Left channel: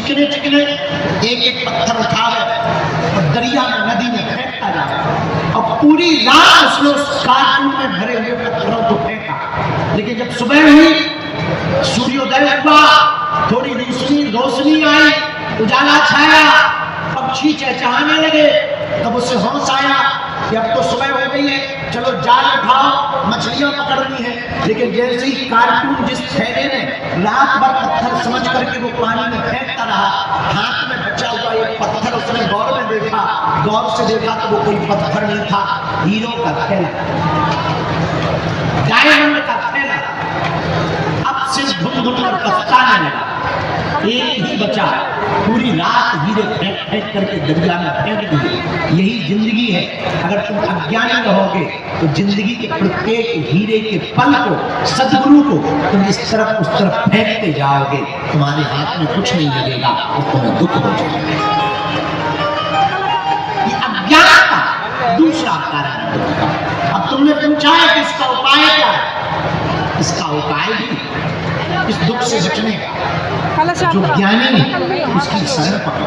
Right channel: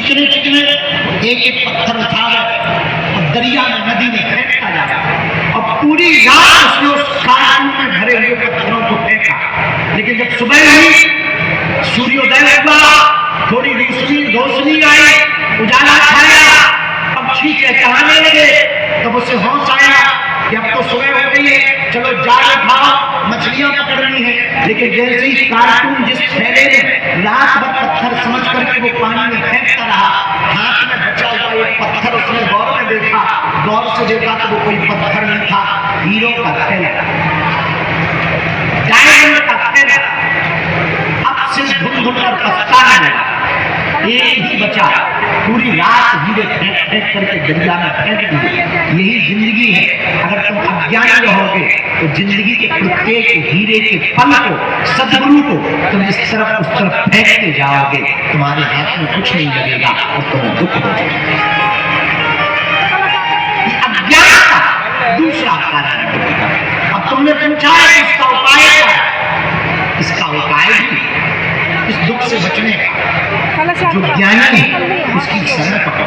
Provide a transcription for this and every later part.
चिकने चिकने एक एक पत्थर उठावे और दरिया में नदी में फेंकता जाए और पूरी रात उसने उस कार्टून में भरे हुए पत्थरों को फेंका। लेकिन जब सुबह हुई, सूर्योदय हुआ, थोड़ी रोशनी आई, उजाला छाया, पक्षी चहचहाने लगे, तब उसे होश आया कि अब तो सुबह हो गई है, चलो जाल उठाओ, मछलियां पकड़नी है। लेकिन जैसे ही कार्टून जिस थैले में रात भर पत्थर समझ करके वो पानी में फेंकता रहा, हाथ में बचा हुआ एक पत्थर उसने गौर से देखा तो वो कोई पत्थर नहीं था, हीरो का थैला, डायमंड का थैला। अब से ढूंढ कर पछताने लगा, एक ही बचा, पूरी रात हीरे फेंक फेंक करके दरिया में फेंक दिए। यही जिंदगी है। अगर तुम अज्ञानी रहोगे तो जिंदगी के प्रत्येक हीरे के पल को, सद्गुरु को तुम इस तरफ उस तरफ फेंकते जाओगे, तुम्हारे हाथ में कुछ नहीं लगेगा और तुम्हें दुख हो जाएगा। अज्ञान का दूसरा कारण है। अब तुमने पूछा है इसका उपाय क्या है? इसका उपाय भी इस दुख से बचने का, जो ज्ञानी है उसकी शरण पकड़ो।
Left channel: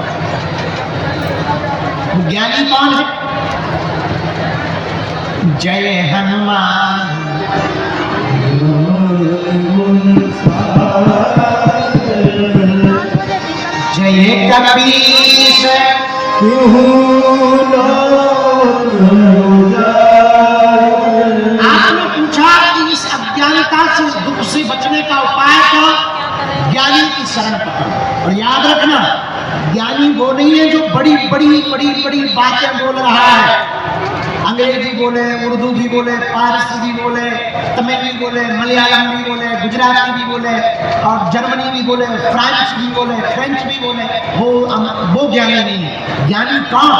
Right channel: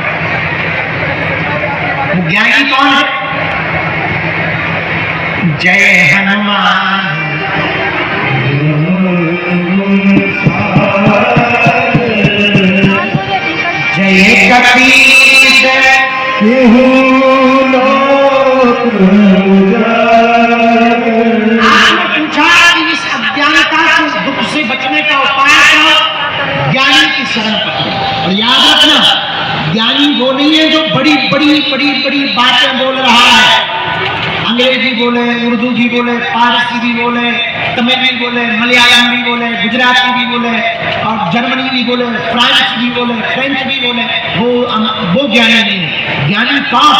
वो ज्ञानी कौन है? जय हनुमान जय कपीश आपने पूछा कि इस अज्ञानता से, इस दुख से बचने का उपाय क्या? ज्ञानी की शरण पकड़ो। और याद रखना, ज्ञानी वो नहीं है जो बड़ी बड़ी बातें बोल रहा है। अंग्रेजी बोले, उर्दू भी बोले, फारसी भी बोले, तमिल भी बोले, मलयालम भी बोले, गुजराती भी बोले, और जर्मनी भी बोले, फ्रांस भी बोले, फ्रेंच भी बोले, वो ज्ञानी नहीं है। ज्ञानी कौन?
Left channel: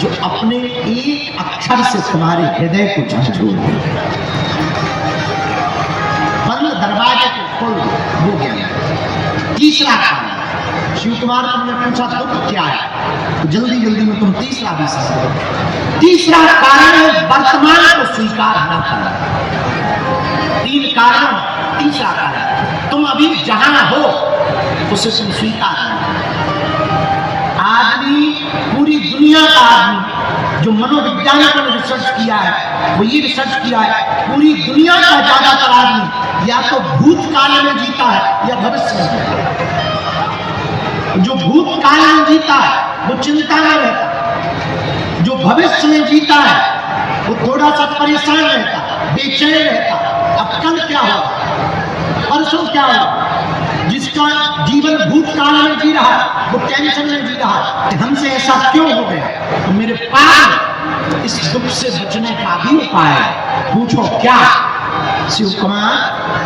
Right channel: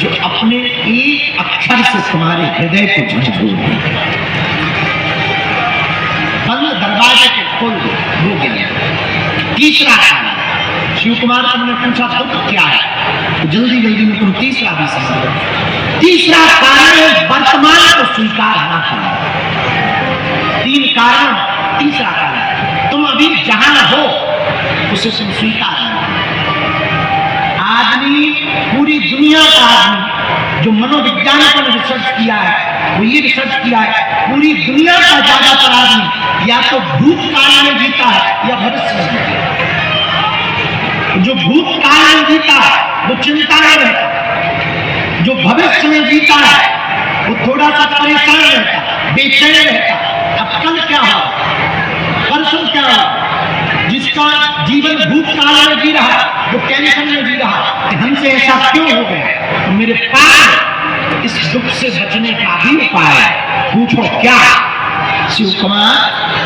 जो अपने एक अक्षर से तुम्हारे हृदय को झंझोर दे, बंद दरवाजे को खोल दे, वो ज्ञानी। तीसरा कारण, शिव कुमार तुमने पूछा दुख क्या है, तो जल्दी में तुम तीसरा भी समझो। तीसरा कारण है वर्तमान को स्वीकार न करना। 3 कारण, तीसरा कारण तुम अभी जहां हो उसे तुम स्वीकार नहीं करना। आदमी, पूरी दुनिया का आदमी जो मनोविज्ञान पर रिसर्च किया है, वो ये रिसर्च किया है, पूरी दुनिया का ज्यादातर आदमी या तो भूतकाल में जीता है या भविष्य में जीता है। जो भूतकाल में जीता है वो चिंता में रहता, जो भविष्य में जीता है वो थोड़ा सा परेशान रहता, बेचैन रहता। अब कल क्या हो, परसों क्या हो? जिसका जीवन भूतकाल में जी रहा वो टेंशन में जी रहा कि हमसे ऐसा क्यों हो गया। तो मेरे पास इस दुख से बचने का भी उपाय है। पूछो क्या? शिव कुमार